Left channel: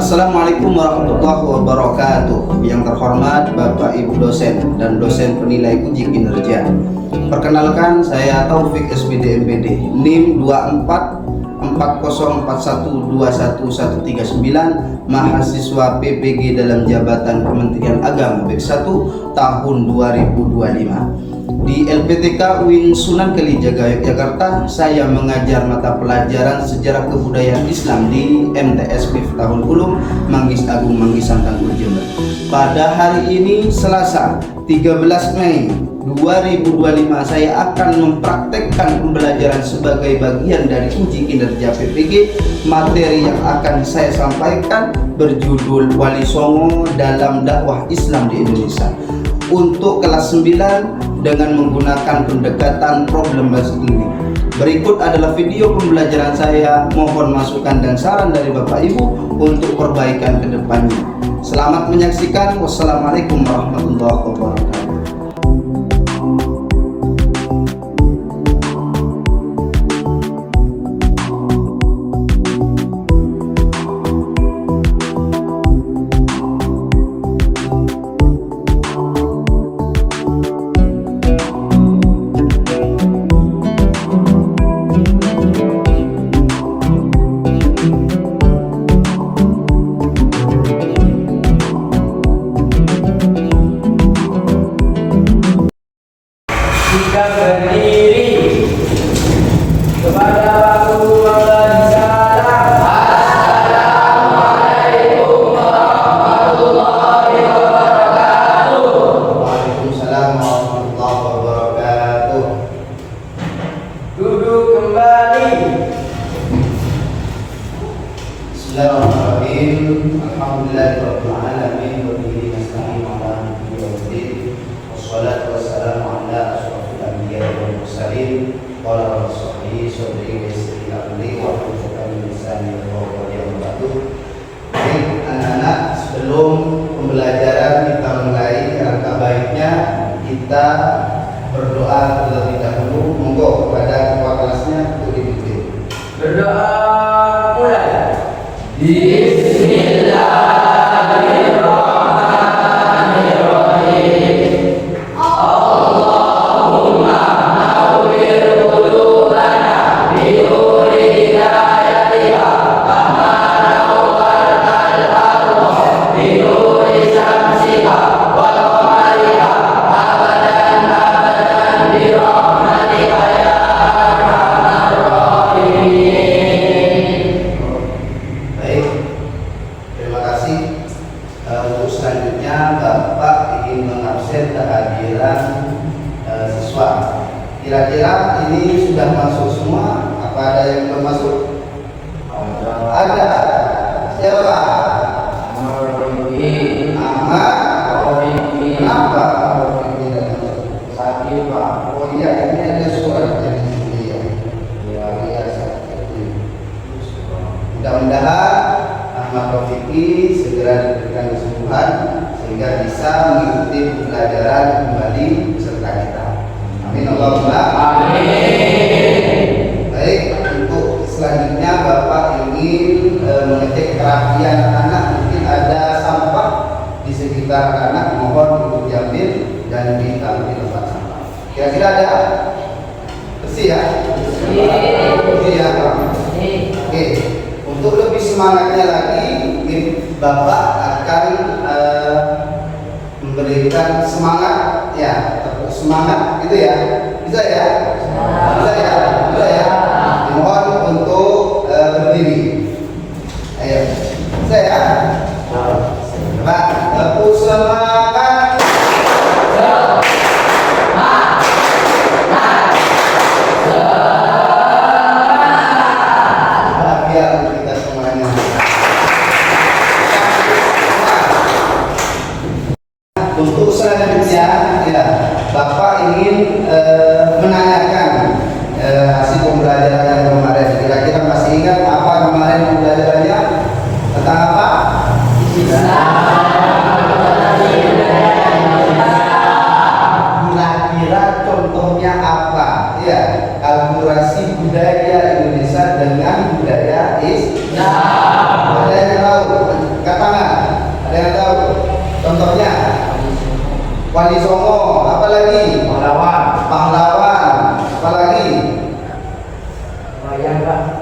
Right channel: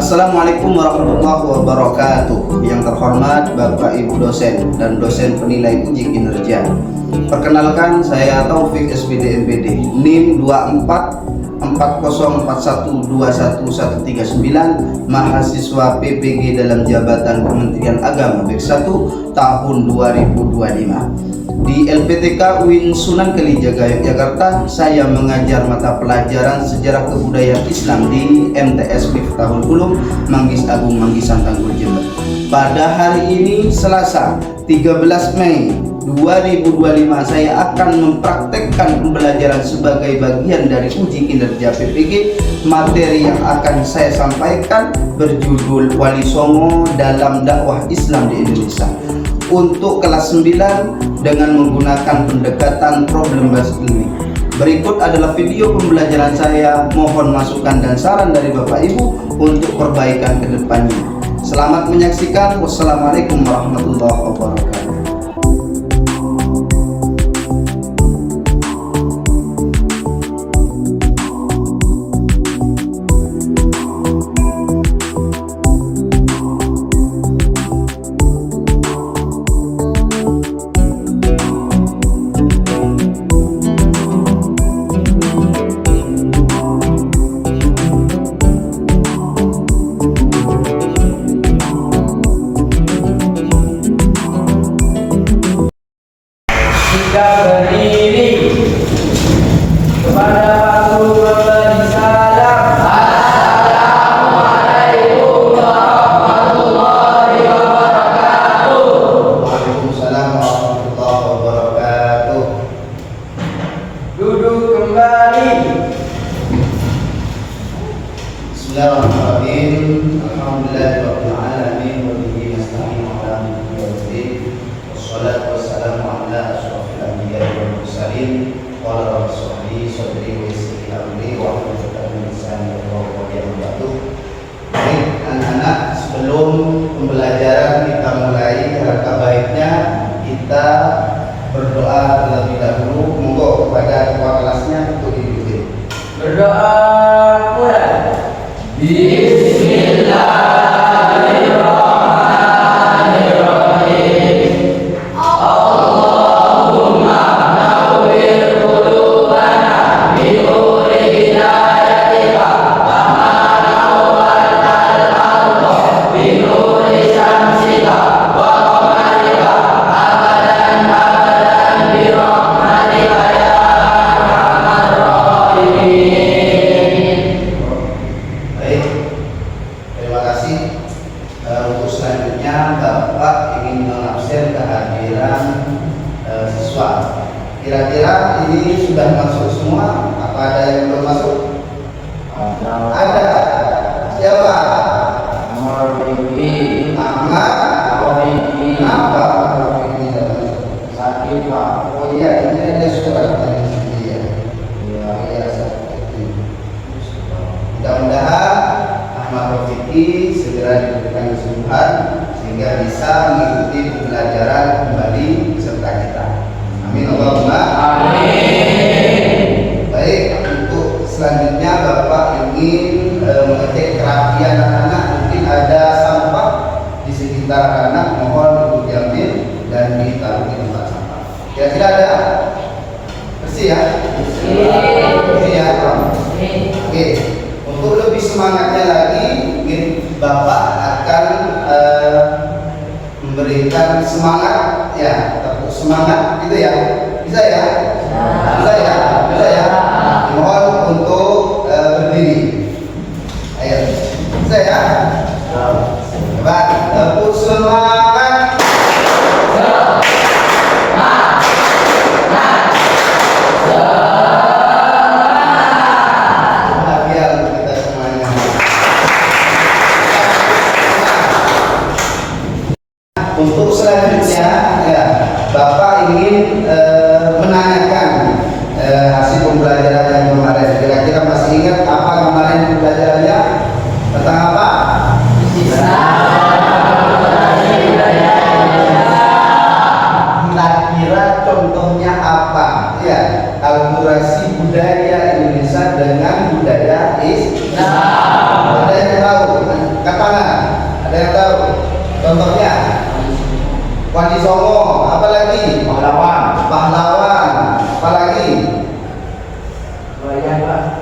Assalamualaikum warahmatullahi wabarakatuh. Yang terhormat Bapak Ibu dosen dan dosen penilai uji kinerja. Perkenalkan, saya Taufik SPD MPD, NIM 2440412139, mahasiswa PPG dalam jabatan Kementerian Agama BEK 1 tahun 2025. Di LPTK UIN Sunan Kalijaga Yogyakarta, saya mengajar mata pelajaran Sejarah Kebudayaan Islam di MTS MIF tahun Ulum Manggis Agung Manggisan Tanggul Jember. Pada hari ini Selasa 13 Mei 2025, saya akan mempraktekkan pembelajaran sebagai bagian dari uji kinerja PPG. Materi yang akan saya sampaikan berjudul Wali Songo dalam Dakwah Islam di Indonesia. Untuk kelas 9 dengan menggunakan pendekatan problem based learning. Berikut adalah video pembelajaran saya. Mohon masukan dan saran dari Bapak Ibu untuk perbaikan ke depannya. Selamat menyaksikan. Wassalamualaikum warahmatullahi wabarakatuh. Jika berdiri kepada Rasulullah salam. Assalamualaikum warahmatullahi wabarakatuh. Waalaikumsalam warahmatullahi wabarakatuh. Duduk kembali. Bismillahirrahmanirrahim. Alhamdulillahirabbil alamin wa bihi nasta'in ala umuri waddin. Wassalatu wassalamu ala asyrofil anbiya'i wal mursalin. Qala Rasulullah sallallahu alaihi wasallam wa rahmatullahi min lisani yafqahu qawli. Baik anak-anak, sebelum pembelajaran kita mulai, alangkah baiknya kita berdoa terlebih dahulu. Monggo kepada ketua kelasnya untuk dipimpin. Berdoa mulai. Bismillahirrahmanirrahim. Allahumma nawwir qulubana bi nuri hidayatika kama nawwarta al-ardha bi nuri syamsika wa qamarika abadan abadan bi rahmatika ya arhamar rahimin. Baik, terima kasih. Untuk selanjutnya Bapak ingin mengabsen kehadiran siswa. Kira-kira ini sudah masuk semua? Apa ada yang belum masuk? Ada. Siapa? Ahmad. Kenapa? Ini tidak masuk. Sakit Pak. Oh iya, ini ada suratnya di sini ya. Iya, sakit. Mudah-mudahan Ahmad Rafiki segera diberikan kesembuhan sehingga bisa mengikuti pembelajaran kembali beserta kita. Amin Allahumma amin. Baik, untuk selanjutnya Bapak ingin mengecek kerapian anak-anak. Mungkin ada sampah di sekitar anak, mohon untuk diambil dan ditaruh di tempat sampah. Kira-kira ada? Bersih ya? Bersih ya? Oke. Untuk lebih semangatnya lagi, mungkin Bapak akan memberikan semangat ya, tepuk semangat gitu ya. Bisa ya? Bisa ya? Bisa ya? Mohon untuk berdiri. Ayo. Bisa ya? Coba tepuk semangat. Bahagia untuk kita semuanya. Untuk selanjutnya ya, Bapak ingin menanyakan hasil pembelajaran yang kemarin. Kira-kira masih ingat apa kemarin pembelajarannya? Tentang apa? Kira-kira contohnya apa? Ya, akulturasi budaya Indonesia dengan budaya Islam. Ada yang tahu?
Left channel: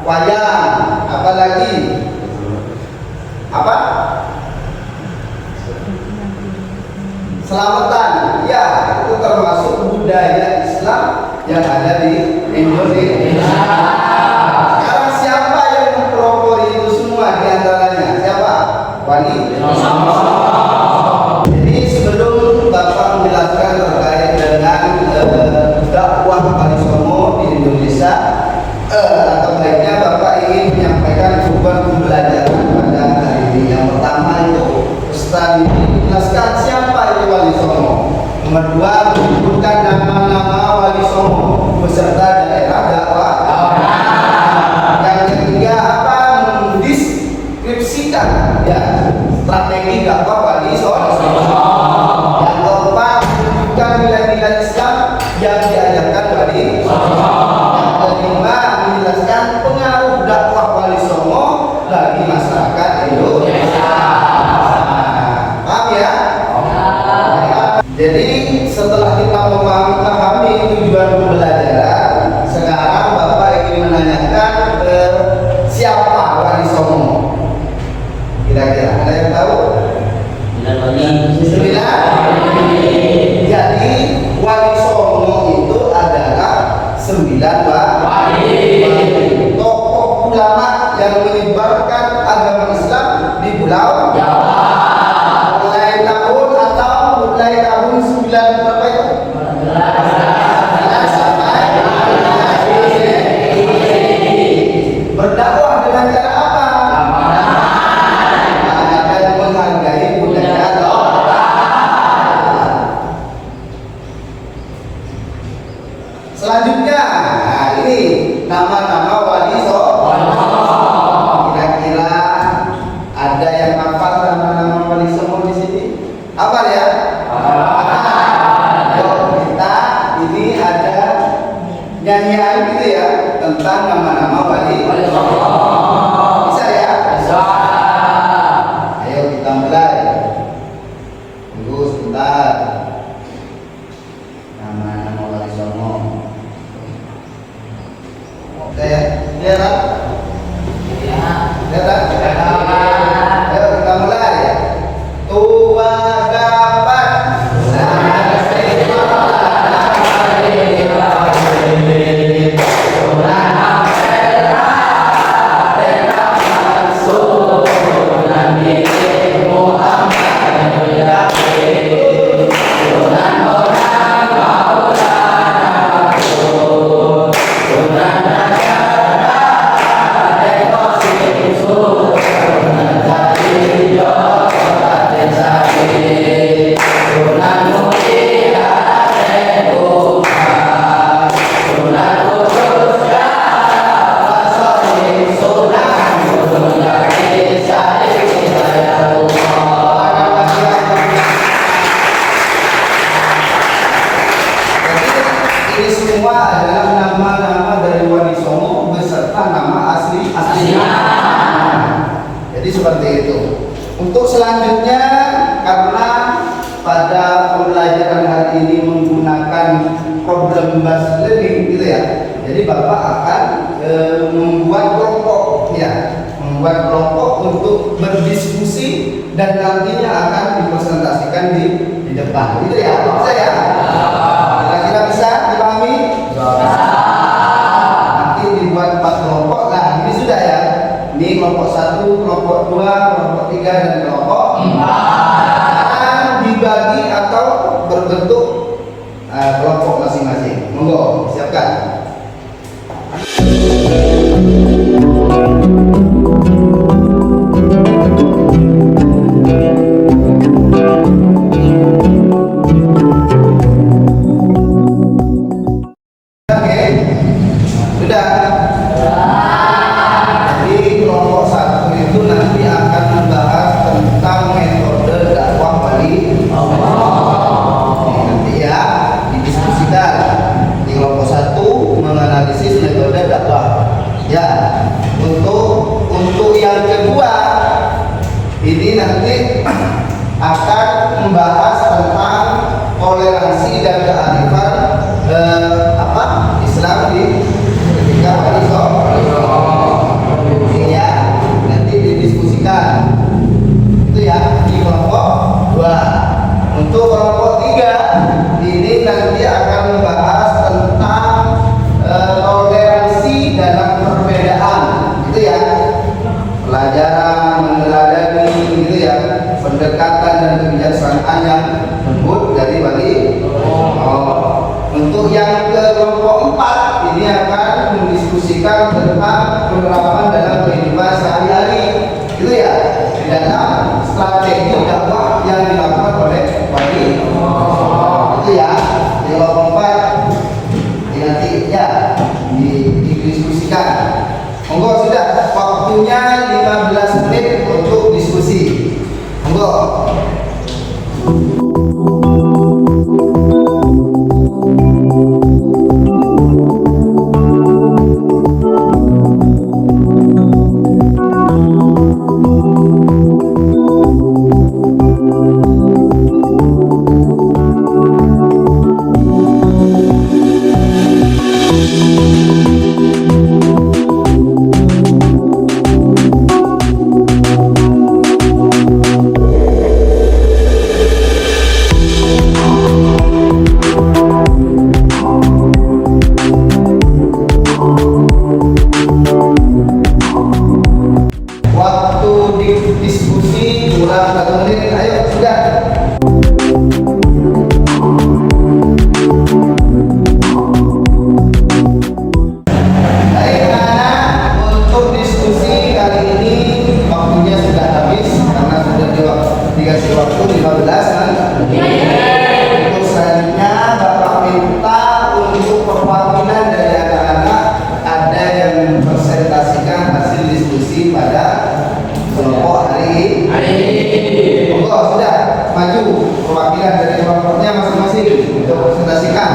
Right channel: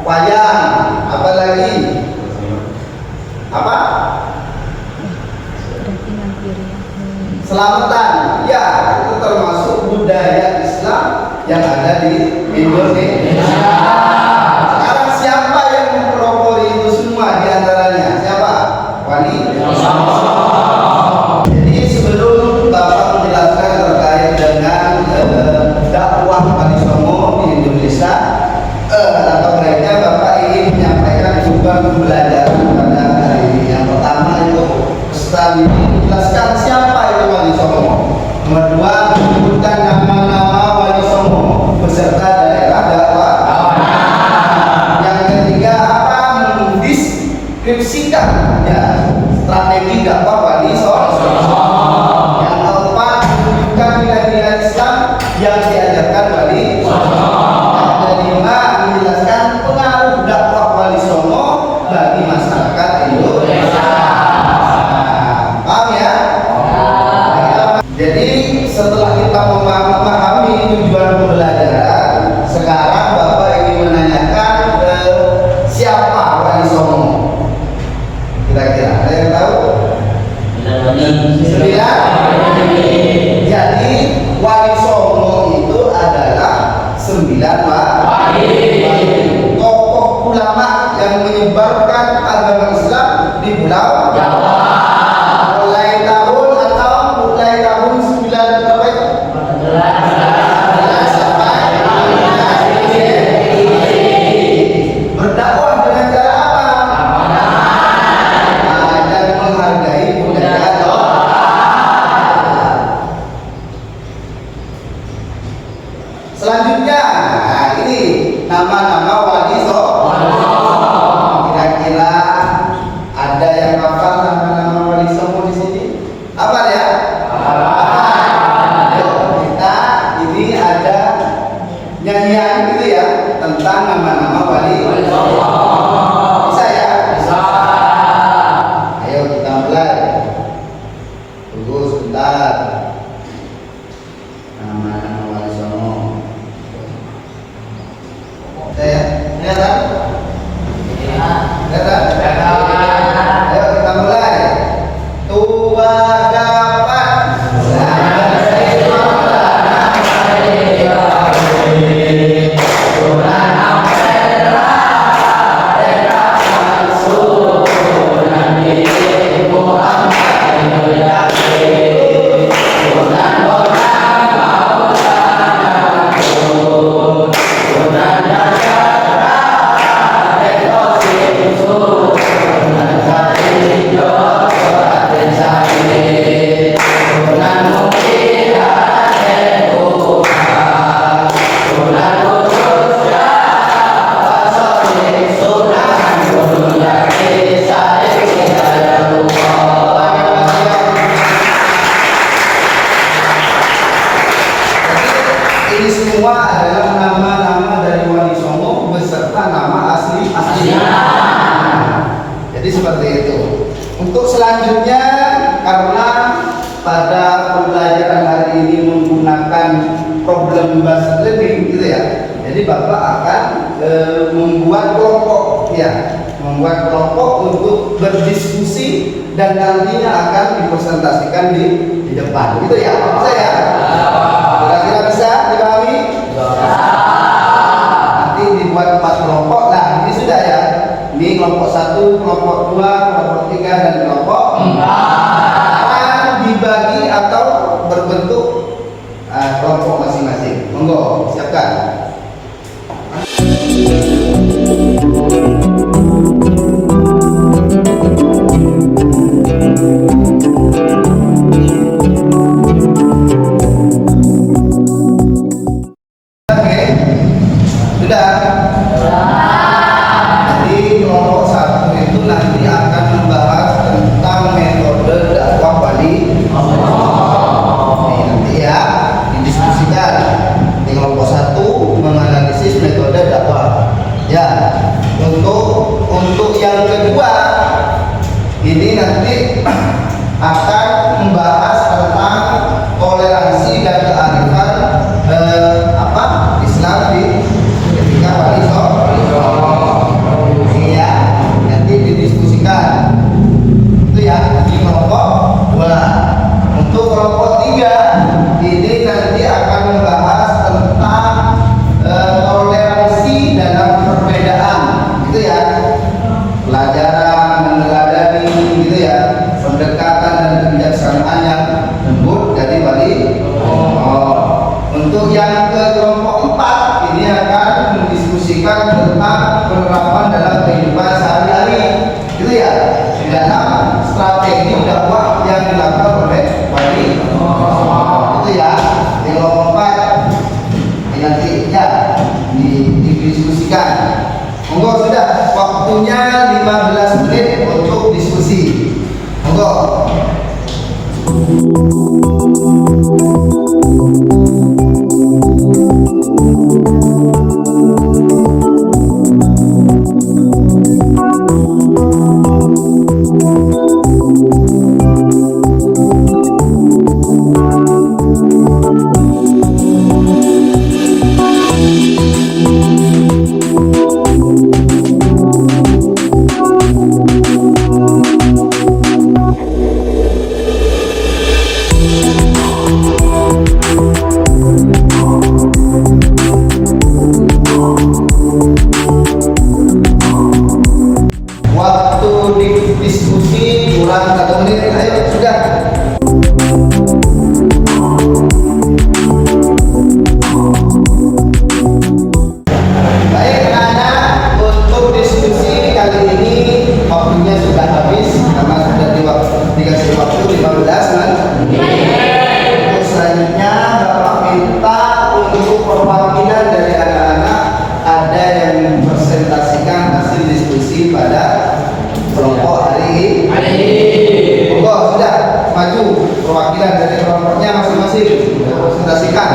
wayang, apa lagi? Apa? Selamatan. Ya, itu termasuk budaya Islam yang ada di Indonesia. Sekarang siapa yang mempelopori itu semua di antaranya? Siapa? Wali Songo. Jadi sebelum Bapak menjelaskan terkait dengan dakwah Wali Songo di Indonesia, atau baiknya Bapak ingin menyampaikan beberapa pembelajaran pada hari ini. Yang pertama itu Ustaz ini menjelaskan siapa itu Wali Songo. Nomor dua, menyebutkan nama-nama Wali Songo beserta daerah dakwah. Yang ketiga, apa mendeskripsikan ya strategi dakwah Wali Songo. Yang keempat, menunjukkan nilai-nilai Islam yang diajarkan Wali Songo. Yang kelima, menjelaskan pengaruh dakwah Wali Songo bagi masyarakat Indonesia. Paham ya? Jadi setelah kita memahami tujuan pembelajaran, sekarang Bapak ingin menanyakan siapa Wali Songo? Kira-kira ada yang tahu? Bismillah. Jadi Wali Songo itu adalah 9 wali, tokoh ulama yang menyebarkan agama Islam di Pulau Jawa. Mulai tahun 9 berapa itu? 11 sampai 15. Berdakwah dengan cara apa? Dan menghargai budaya lokal. Selanjutnya, ini nama-nama Wali Songo. Kira-kira ada yang hafal nama-nama Wali Songo di sini? Apa ya? Kita ini ada nyanyian gitu ya tentang nama-nama Wali Songo. Bisa ya? Bisa. Ayo kita mulai. Tunggu sebentar. Nama-nama Wali Songo. Oke ya? Kelihatan? Kelihatan? Ayo kita mulai. Tua dapat ini semua adalah nama-nama dari Wali Songo beserta nama aslinya. Jadi seperti itu. Untuk selanjutnya, karena pada pembelajaran hari ini menggunakan problem based learning gitu ya. Jadi Bapak akan membuat kelompok ya, membuat kelompok untuk berdiskusi dan nantinya akan dipresentasikan di depan. Gitu ya, bisa ya? Kira-kira bisa dipahami? Nanti dibuat 4 kelompok. Nah, ini sudah ya. Ini kelompok 1, kelompok 2, kelompok 3 dan kelompok 4. Akan dibagi atau berbentuk kelompok masing-masing. Monggo, siapkan. Jadi kelompok 1 itu nanti akan membahas tentang sikap tentang penerapan dalam kehidupan sehari-hari, gitu ya, di dalam strategi dakwah yang dilakukan oleh wali. Itu ya, yang keempat yang tiga didiskusikan. Monggo sudah waktunya 15 menit untuk diskusi. Monggo. Diskusi kurang 1 menit. Ayo sudah. Baik anak-anak, untuk diskusi kali ini waktunya sudah habis karena sudah dikasih waktu 15 kan? Untuk selanjutnya Bapak minta untuk perwakilan dari anak-anak ada yang mempresentasikan hasil diskusi pada kelompok hari ini. Monggo sudah maju perwakilan dari kelompoknya masing-masing untuk presentasikan.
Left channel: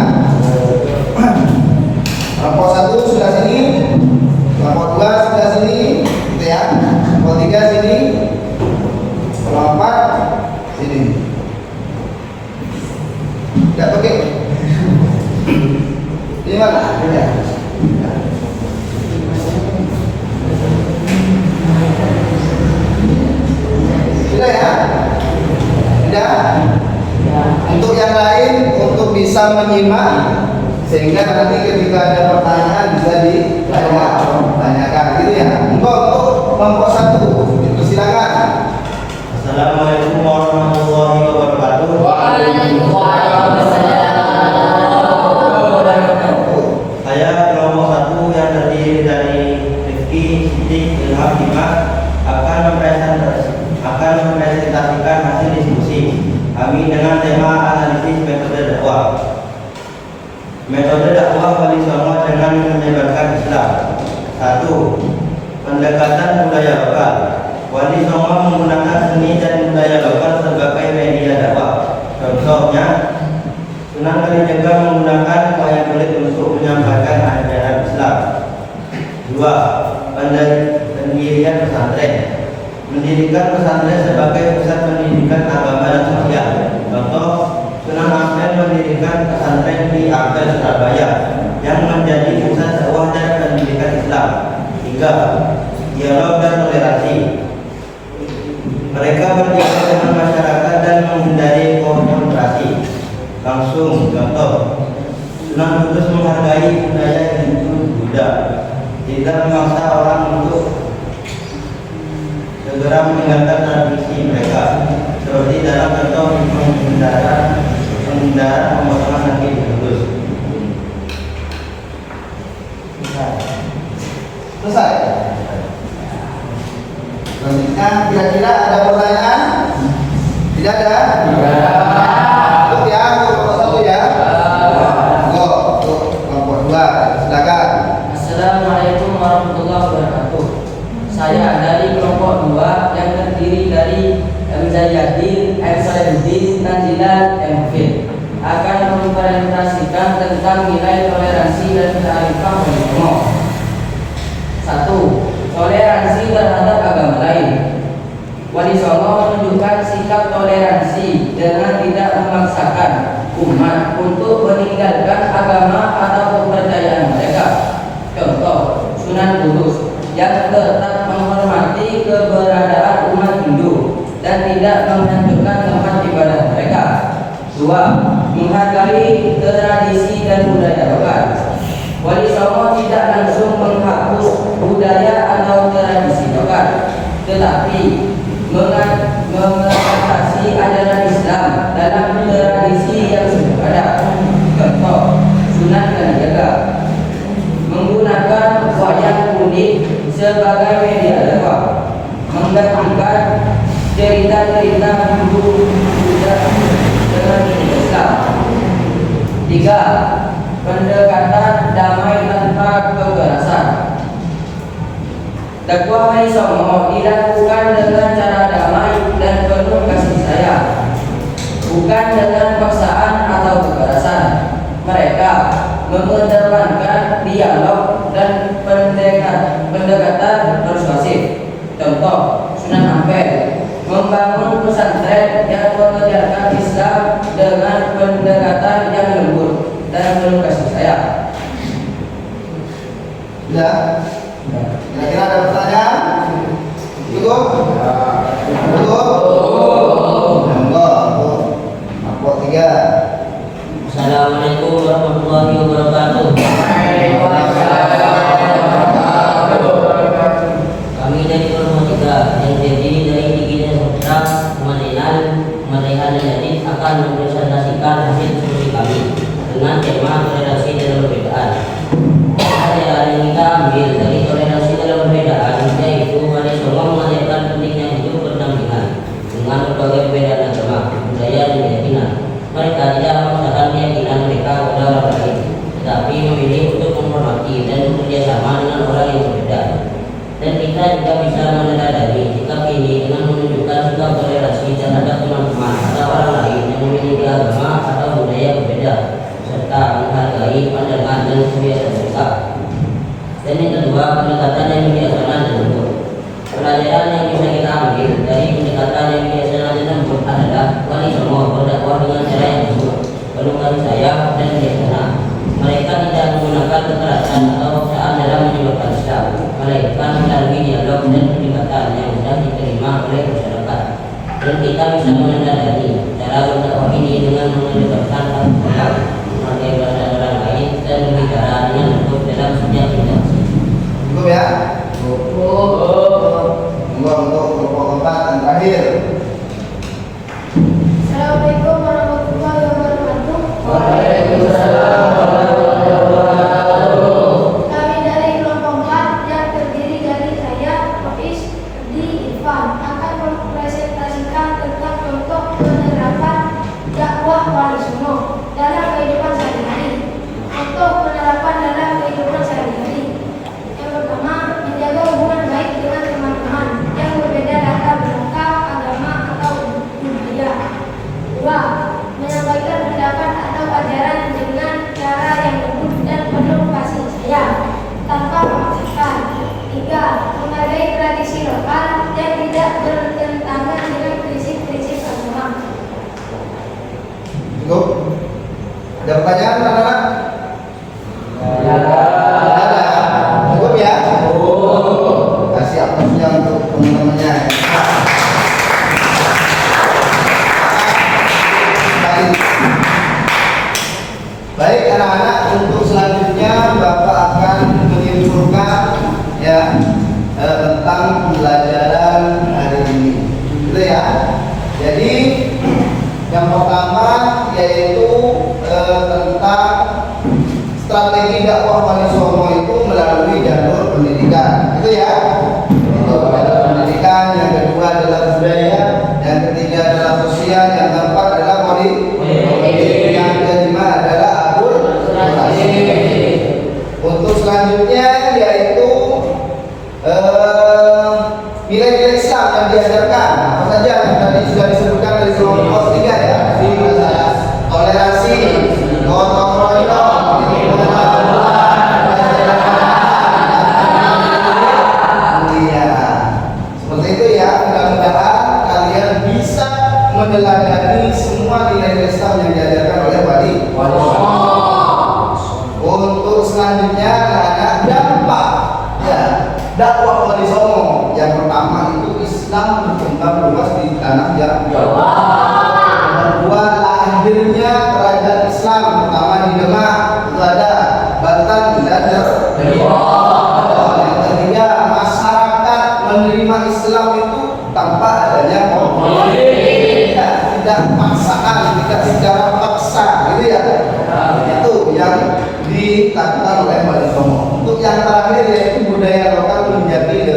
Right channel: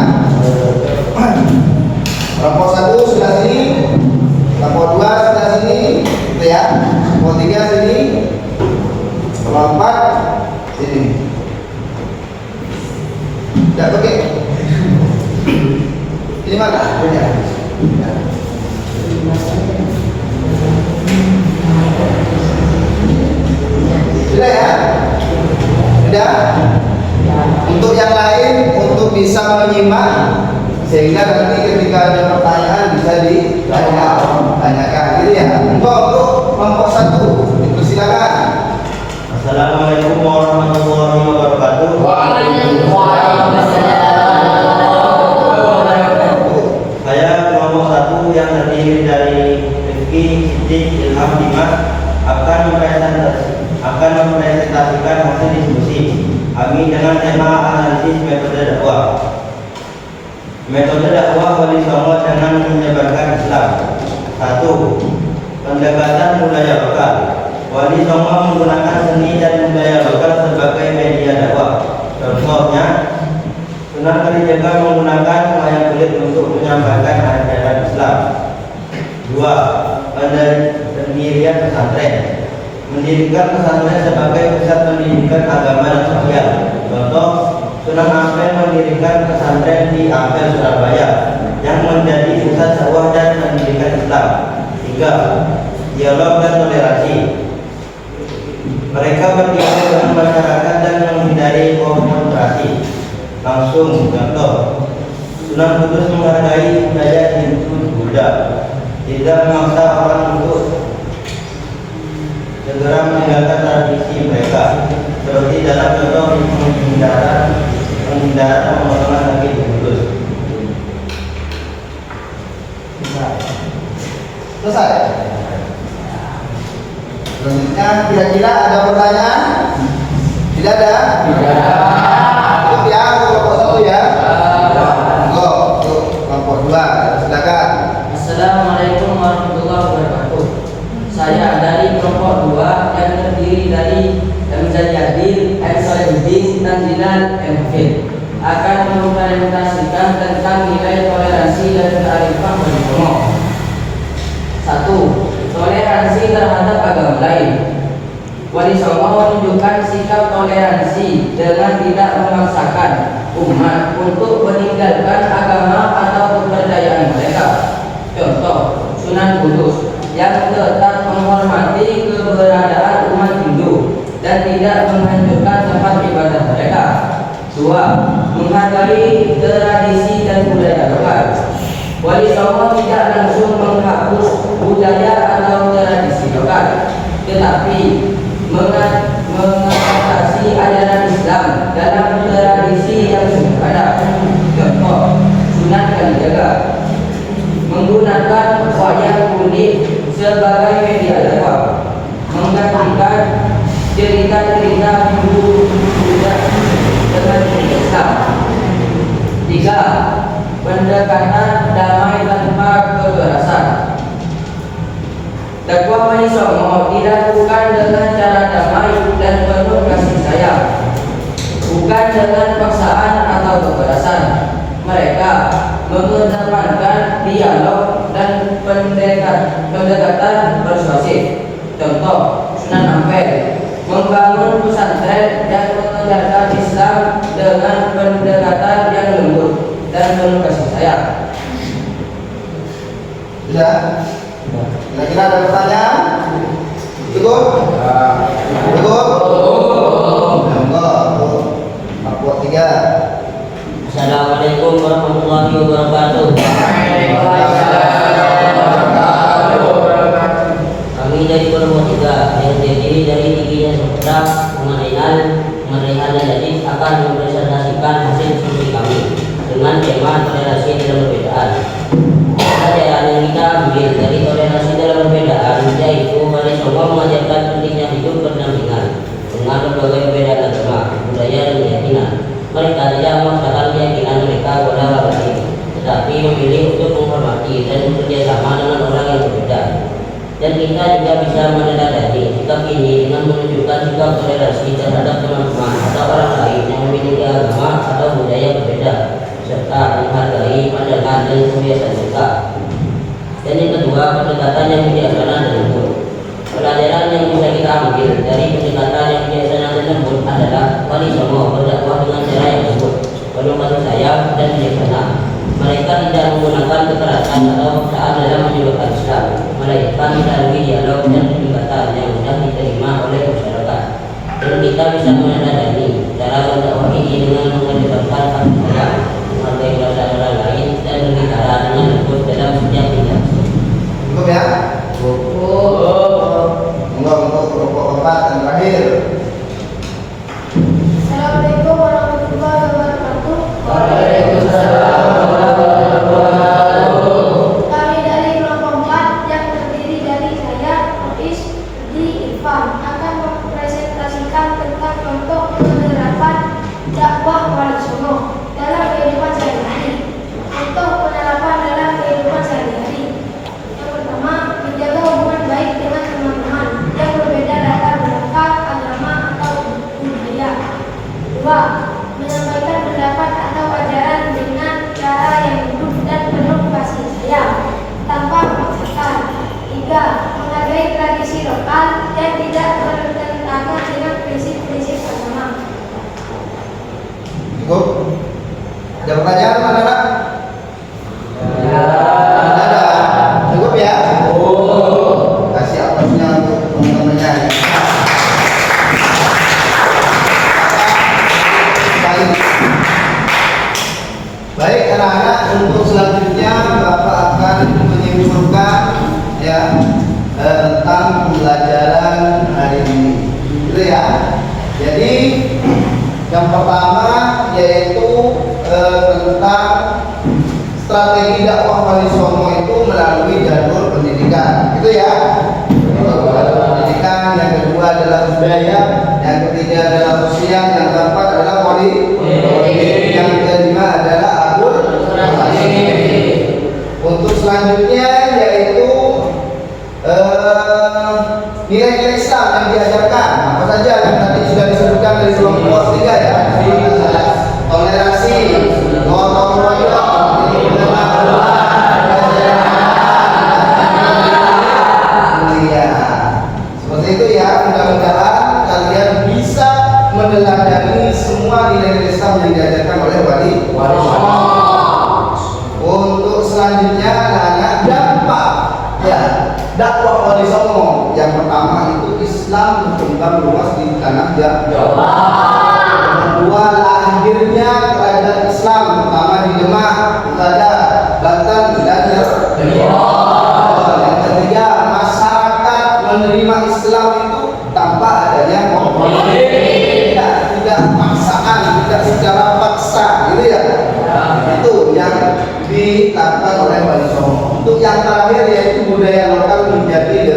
Kelompok 1 sudah sini, kelompok 2 sudah sini, gitu ya. Kelompok 3 sini, kelompok 4 sini. Tidak pakai. Ini mana? Ya. Sudah ya? Sudah? Untuk yang lain, untuk bisa menyimak sehingga nanti ketika ada pertanyaan bisa ditanyakan, gitu ya. Untuk kelompok 1, silakan. Assalamualaikum warahmatullahi wabarakatuh. Saya kelompok 1 yang terdiri dari Rifki, Sidik, Ilham, Dimas akan mempresentasikan hasil diskusi kami dengan tema analisis metode dakwah. Metode dakwah Wali Songo dengan menyebarkan Islam. 1. Pendekatan budaya lokal. Wali Songo menggunakan seni dan budaya lokal sebagai media dakwah. Contohnya, Sunan Kalijaga menggunakan wayang kulit untuk menyampaikan ajaran Islam. 2. Pendirian pesantren. Mendirikan pesantren sebagai pusat pendidikan agama dan sosial. Contoh, Sunan Ampel mendirikan pesantren di Ampel, Surabaya yang menjadi pusat dakwah dan pendidikan Islam. 3. Dialog dan toleransi. Mereka berdialog dengan masyarakat dan menghindari konfrontasi langsung. Contoh, Sunan Kudus menghargai budaya Hindu Buddha, tidak memaksa orang untuk segera meninggalkan tradisi mereka, seperti dalam contoh penghindaran pemotongan kaki Kudus. Selesai. Selanjutnya, kira-kira ada pertanyaan? Tidak ada? Cukup ya, kelompok 1 ya. Untuk kelompok 2, silakan. Assalamualaikum warahmatullahi wabarakatuh. Saya dari kelompok 2 yang terdiri dari Muzayadin, Solihuddin, Tanjilan, Hafid akan mempresentasikan tentang nilai toleransi dan kearifan Wali Songo. 1. Toleransi terhadap agama lain. Wali Songo menunjukkan sikap toleransi dengan tidak memaksakan umat untuk meninggalkan agama atau kepercayaan mereka. Contoh, Sunan Kudus yang tetap menghormati keberadaan umat Hindu dan tidak menghancurkan tempat ibadah mereka. 2. Menghargai tradisi dan budaya lokal. Wali Songo tidak langsung menghapus budaya atau tradisi lokal, tetapi mengatasi ajaran Islam dalam tradisi yang sudah ada. Contoh, Sunan Kalijaga menggunakan wayang sebagai media dakwah, menggantikan cerita-cerita dulu budak dengan Islam. 3. Pendekatan damai tanpa kekerasan. Dakwah Wali Songo dilakukan dengan cara damai dan penuh kasih sayang, bukan dengan paksaan atau kekerasan. Mereka mengedepankan dialog dan pendekatan persuasif. Contoh, Sunan Ampel membangun pesantren yang mengajarkan Islam dengan pendekatan yang lembut dan penuh kasih sayang. Sudah? Kira-kira ada pertanyaan? Cukup? Cukup? Ya enggak. Aku 3. Assalamualaikum warahmatullahi wabarakatuh. Kami dari kelompok 3 yang terdiri dari Tigina Sutra, Kementerian Nadif akan mempresentasikan hasil diskusi kami dengan tema toleransi dalam perbedaan. Pelajaran yang kita ambil dari toleransi dalam perbedaan yaitu Wali Songo mengajarkan pentingnya hidup berdampingan dengan berbagai perbedaan agama, budaya, dan keyakinan. Mereka tidak memaksakan keyakinan mereka kepada orang lain, tetapi memilih untuk menghormati dan bekerja sama dengan orang yang berbeda. Dan kita juga bisa meneladani sikap ini dengan menunjukkan sikap toleransi terhadap teman-teman atau orang lain yang memiliki agama atau budaya berbeda, serta menghargai pandangan dan kebiasaan mereka. Dan yang kedua, pendekatan yang bijaksana dan lembut. Pelajaran yang bisa kita ambil dari pendekatan yang bijaksana dan lembut adalah Wali Songo berdakwah dengan cara yang lembut, penuh kasih sayang dan bijaksana. Mereka tidak menggunakan kekerasan atau paksaan dalam menyebarkan Islam, melainkan melalui dialog dan pendekatan yang mudah diterima oleh masyarakat. Dan kita bisa meneladani cara berdakwah ini dengan mengedepankan kasih sayang, menghargai perasaan orang lain, dan berbicara dengan lembut dalam setiap interaksi. Cukup ya? Untuk kelompok 4 yang terakhir. Assalamualaikum warahmatullahi wabarakatuh. Waalaikumsalam warahmatullahi wabarakatuh. Kami dari kelompok 4 yang terdiri dari saya, Rois, di Irfan akan mempresentasikan tentang contoh penerapan dakwah Wali Songo dalam kehidupan sehari-hari. Contoh penerapan dalam kehidupan sehari-hari. Yang pertama, menjaga hubungan baik dengan teman-teman yang berbeda latar belakang, agama, atau budaya. 2. Menyampaikan pendapat atau ajaran dengan cara yang lembut dan penuh kasih sayang tanpa memaksakan. 3. Menghargai tradisi lokal yang tidak bertentangan dengan prinsip-prinsip agama. Cukup? Ada pertanyaan, anak-anak? Ada? Cukup ya? Kasih aplausnya untuk teman-temannya. Baik anak-anak, untuk selanjutnya Bapak akan menyimpulkan ya tentang pembelajaran hari ini. Gitu ya. Jadi yang pertama yaitu tentang strategi dakwah Wali Songo itu melalui jalur pendidikan. Gitu ya. Jalur pendidikan, yang kedua adalah budaya, yang ketiga adalah sosial, yang keempat adalah politik, yang kelima adalah untuk selanjutnya yaitu nilai-nilai Islam yang diajarkan. Apa saja yang tadi sudah disebutkan dari kelompok 3 ya. Toleransi, gotong royong, mulia. Seperti itu ya. Mudah-mudahan kalian bisa meneladani semua nilai-nilai Islam yang diajarkan oleh Wali Songo. Untuk selanjutnya anak dampak ya dakwah Wali Songo. Yang pertama itu Islam berkembang luas di tanah Jawa. Kedua, lahirnya kerajaan Islam pertama di Demak, ada Banten dan Yang ketiga, masyarakat menerima Islam itu tanpa adanya konflik, tidak paksaan, tidak secara paksa, gitu ya. Itu yang dilakukan oleh Wali Songo. Untuk yang terakhir yaitu budaya lokal menjadi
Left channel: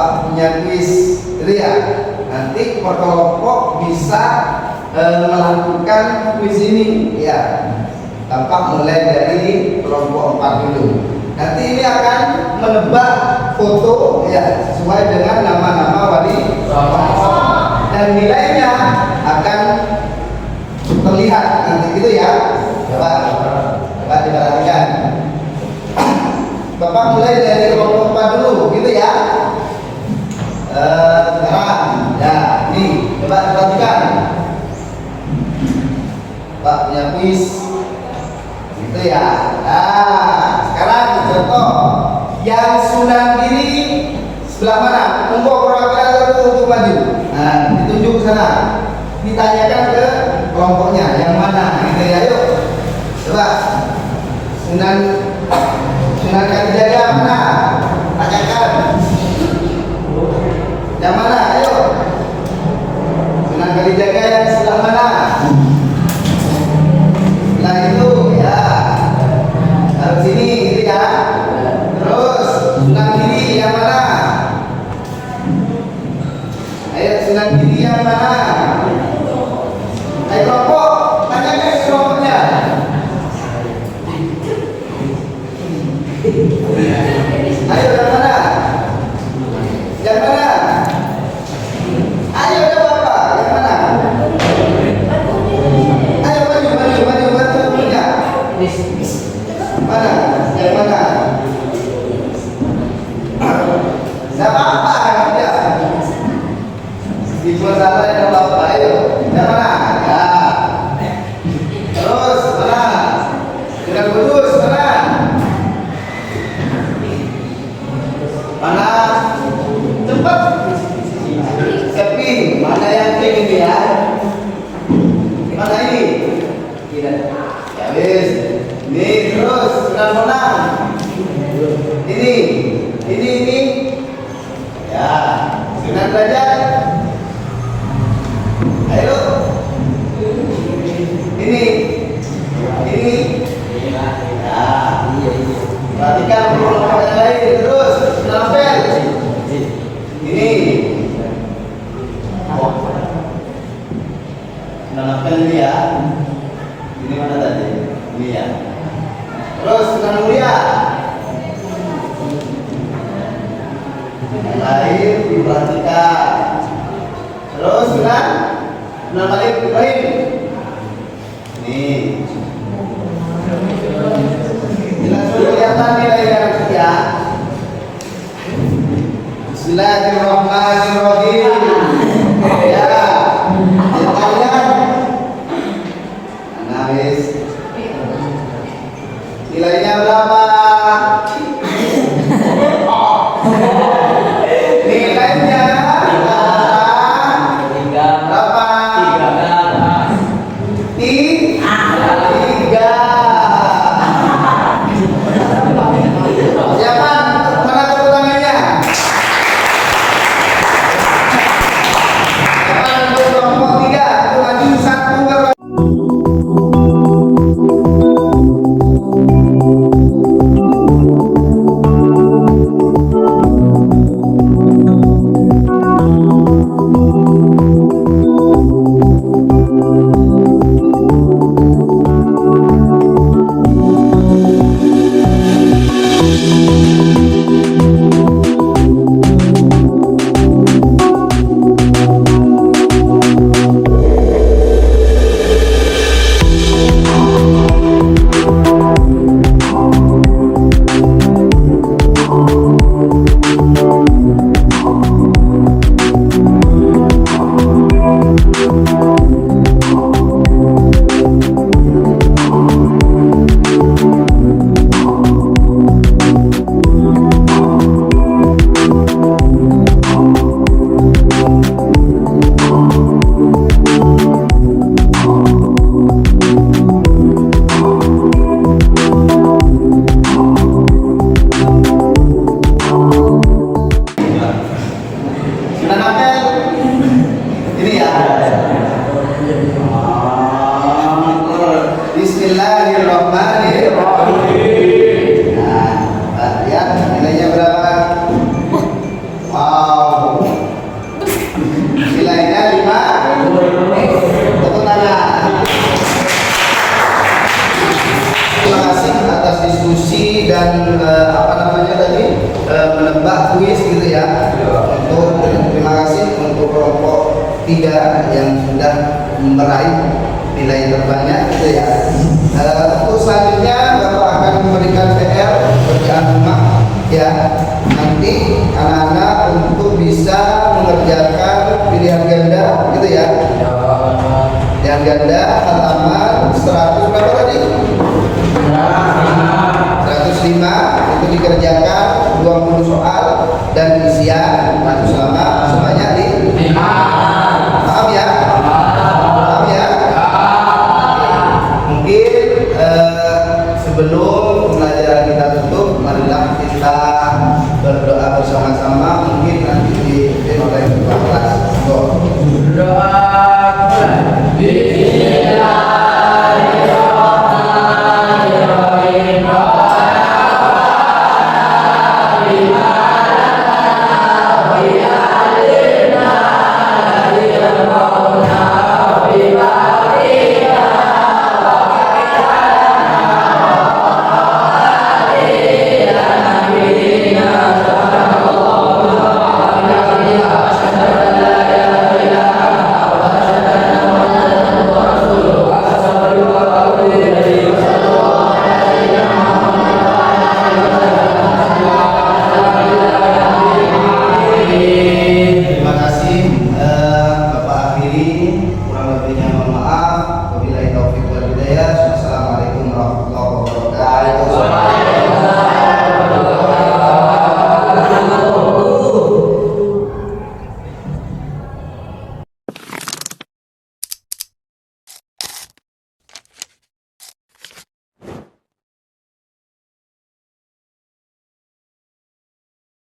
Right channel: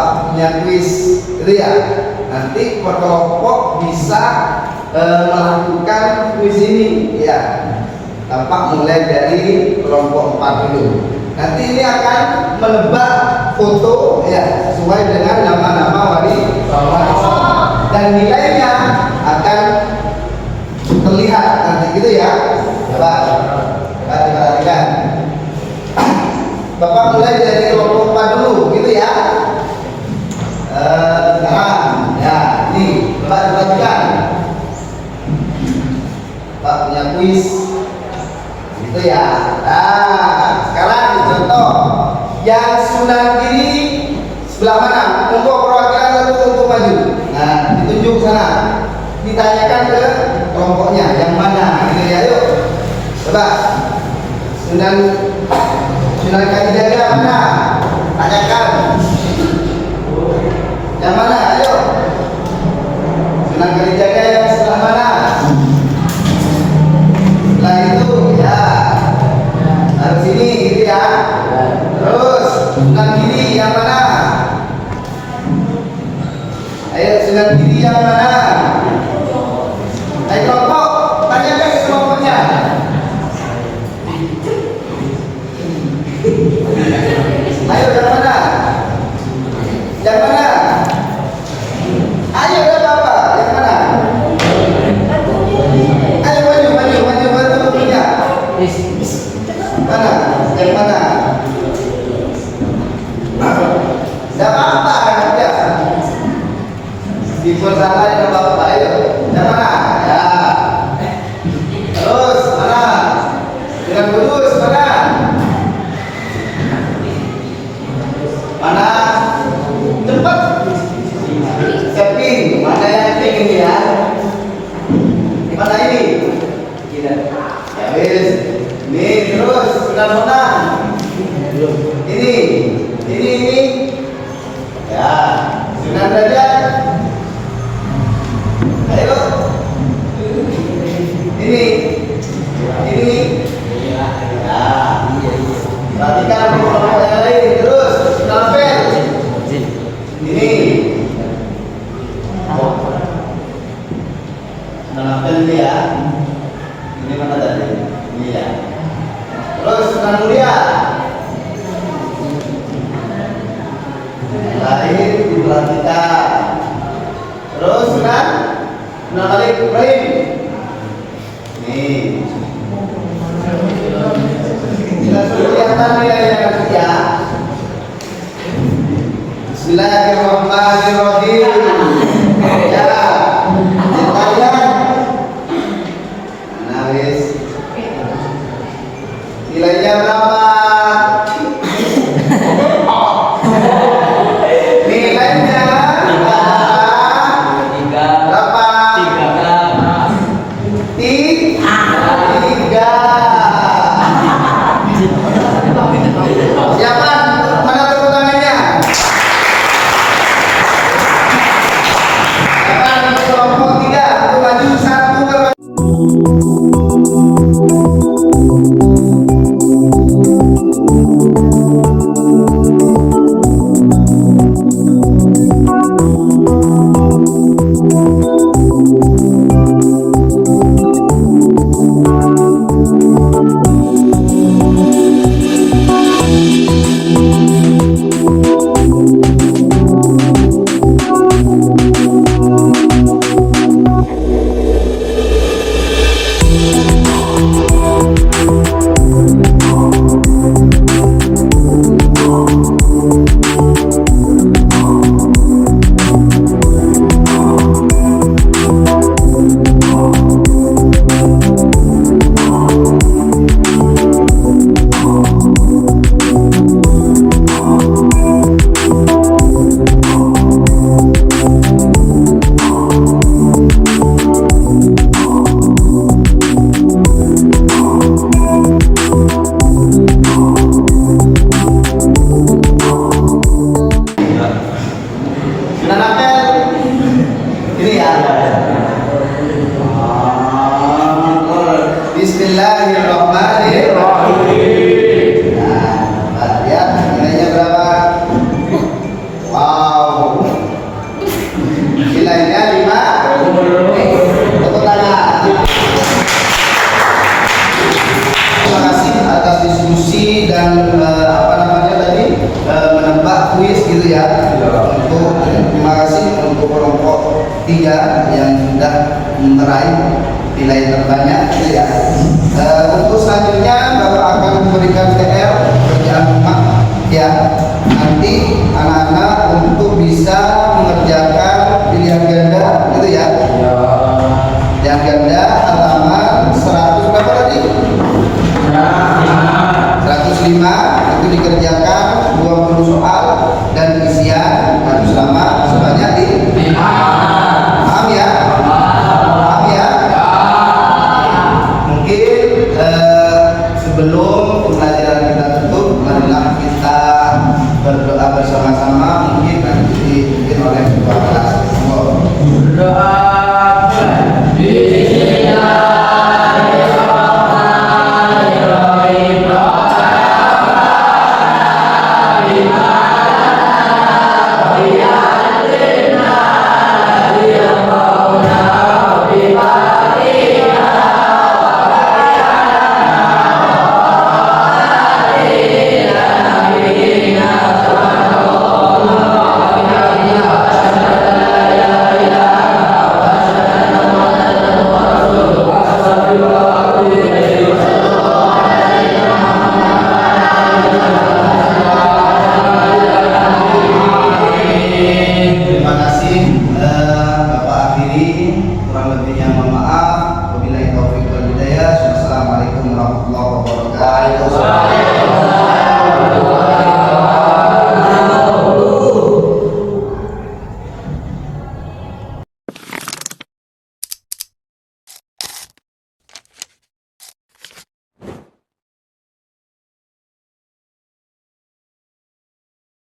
Bapak punya kuis gitu ya. Nanti per kelompok bisa melakukan kuis ini ya. Tampak mulai dari kelompok 4 dulu. Nanti ini akan menebak foto ya sesuai dengan nama-nama wali songo dan nilainya akan terlihat nanti gitu ya. Coba diperhatikan. Bapak mulai dari kelompok 4 dulu gitu ya. Sekarang ya ini coba diperhatikan. Pak punya kuis gitu ya. Nah sekarang contoh yang Sunan kiri sebelah mana? Untuk perwakilan satu untuk maju. Nah ditunjuk sana. Ditanyakan ke kelompoknya yang mana gitu ya. Yuk coba Sunan Kalijaga mana? Tanyakan yang mana? Ayo Sunan Kalijaga yang sebelah mana? Sebelah itu ya. Harus sini gitu ya. Terus Sunan kiri yang mana? Ayo Sunan kiri yang mana? Ayo kelompok, tanyakan ke kelompoknya. Ayo yang mana? Yang mana? Ayo ya Bapak, yang mana? Ayo maju punya. Mana? Yang mana? Tidak apa-apa ya. Di salah yang Bapak, ayo. Yang mana? Ya. Terus mana? Dengan Kudus mana? Mana? Cepat. Seping. Mana yang cek ini ya? Mana ini? Ya wis. Ini terus sudah menang. Ini. Ya. Sudah derajat. Ayo. Ini. Ya. Perhatikan kelompok yang lain terus. Lapel. Ini. Oh. Lapel ini ya. Ini mana tadi? Ini ya. Terus Sunan Mulia. Yang lain diperhatikan. Terus Sunan Malik Ibrahim. Ini. Langsung kelihatan nilainya nanti ya. Bismillahirrahmanirrahim. Ya. Nilainya. Nah, wis. Nilainya berapa? Nilainya berapa? 3. Siapa? Mana tepuk tangannya? tiga yang sudah meraih nilai terbanyak gitu ya. Untuk selanjutnya Bapak akan memberikan PR pekerjaan rumah ya, nanti anak-anak untuk bisa